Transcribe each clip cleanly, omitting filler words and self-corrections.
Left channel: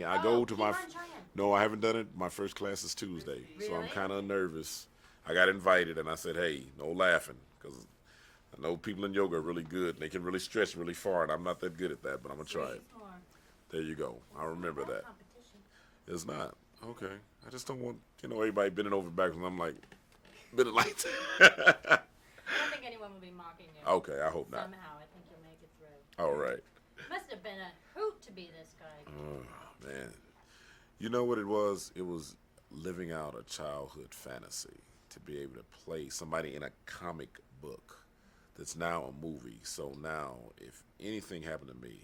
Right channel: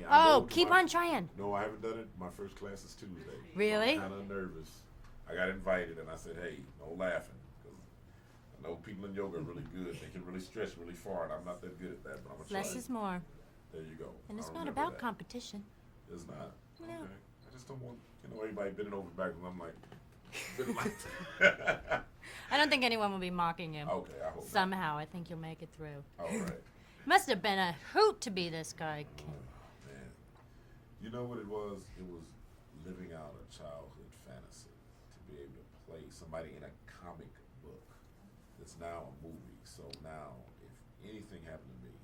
trying it. Keep on trying. No, I haven't done it. My first class is Tuesday. Really? So I'm kind of nervous. I got invited, and I said, hey, no laughing, because I know people in yoga are really good. They can really stretch really far, and I'm not that good at that, but I'm going to try Less it. is more. There you go. And I it's remember not about that. competition. It's not. Okay. I just don't want, everybody bending over backwards, and I'm like, bending like that. I don't think anyone will be mocking you. Okay, I hope not. Somehow, I think you'll make it through. All right. Must have been a hoot to be this guy. Oh, man. You know what it was? It was living out a childhood fantasy to be able to play somebody in a comic book that's now a movie. So now, if anything happened to me,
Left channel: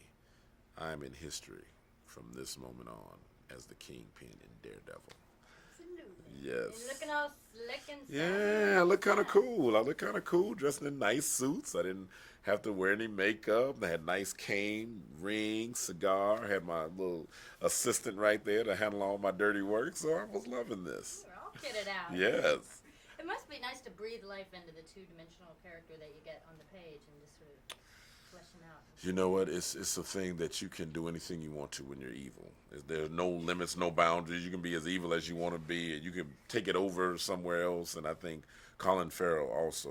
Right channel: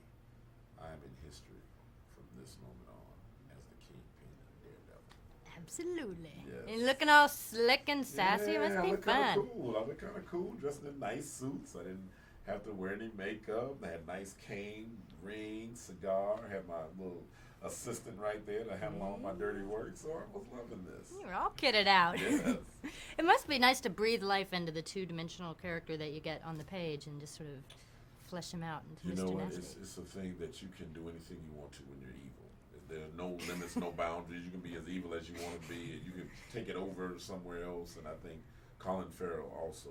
I'm in history from this moment on as the Kingpin in Daredevil. Absolutely. Yes. And looking all slick and sassy. Yeah, I look kind of fun. cool. I look kind of cool, dressed in nice suits. I didn't have to wear any makeup. I had nice cane, ring, cigar. I had my little assistant right there to handle all my dirty work. So I was loving this. You're all kitted out. Yes. It must be nice to breathe life into the two-dimensional character that you get on the page and just sort of flesh him out. You know what? It's a thing that you can do anything you want to when you're evil. There's no limits, no boundaries. You can be as evil as you want to be. You can take it over somewhere else. And I think Colin Farrell also,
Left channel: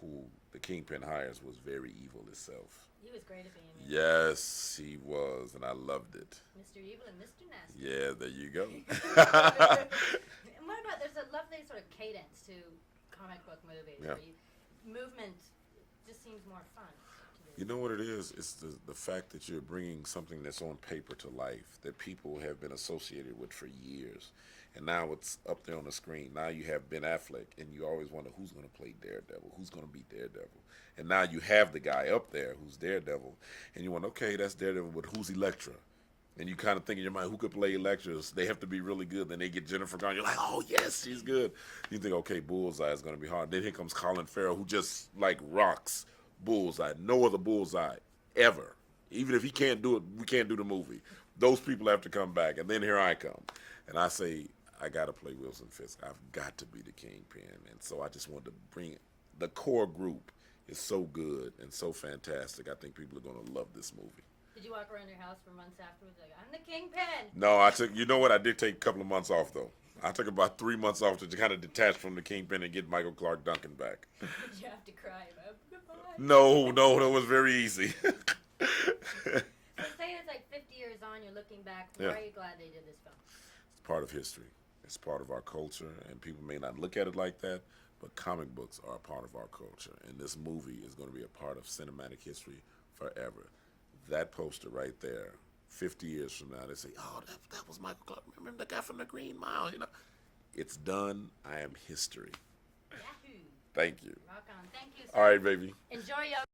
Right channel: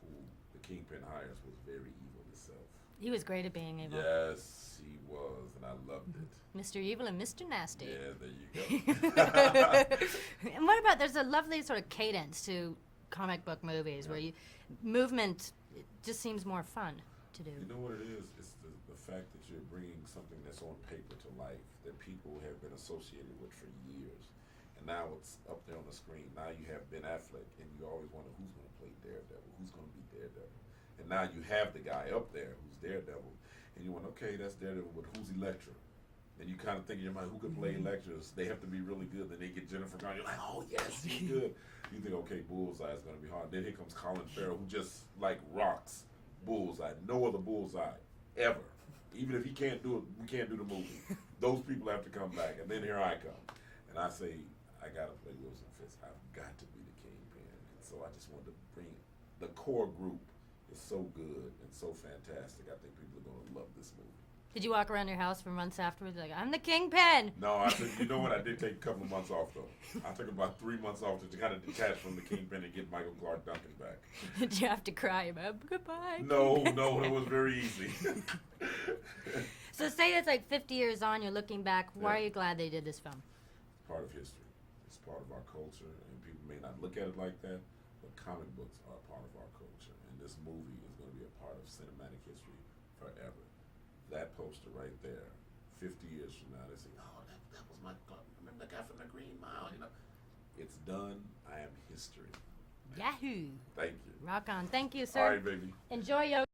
who the Kingpin hires, was very evil himself. He was great at being evil. Yes, he was, and I loved it. Mr. Evil and Mr. Nasty. Yeah, there you go. And what about, there's a lovely sort of cadence to comic book movies where movement just seems more fun to do. You know what it is? It's the fact that you're bringing something that's on paper to life that people have been associated with for years. And now it's up there on the screen. Now you have Ben Affleck, and you always wonder who's going to play Daredevil, who's going to be Daredevil. And now you have the guy up there who's Daredevil, and you wonder, okay, that's Daredevil, but who's Elektra? And you kind of think in your mind, who could play Elektra? They have to be really good. Then they get Jennifer Garner. You're like, oh, yes, she's good. You think, okay, Bullseye is going to be hard. Then here comes Colin Farrell, who just, like, rocks Bullseye. No other Bullseye ever. Even if he can't do it, we can't do the movie. Those people have to come back. And then here I come. And I say, I got to play Wilson Fisk. I've got to be the Kingpin. And so I just wanted to bring it. The core group is so good and so fantastic. I think people are going to love this movie. Did you walk around your house for months afterwards like, I'm the Kingpin? No, I took, you know what, I did take a couple of months off, though. I took about 3 months off to kind of detach from the Kingpin and get Michael Clarke Duncan back. Did you have to cry about goodbye? No, that was very easy. So say it's like 50 years on, you're looking back. Why are you glad they did this film? It's part of history. It's part of our culture, and people may not look at it like that, but comic books are a part of our culture, and this movie is going to be a part of cinematic history forever. That poster right there, 50 years from now, they say, oh, that was Michael Clarke. Remember the guy from the Green Mile, you know? It's done. I am history. Yahoo! Thank you. Rock on. Thank you, sir. All right, baby. Enjoy your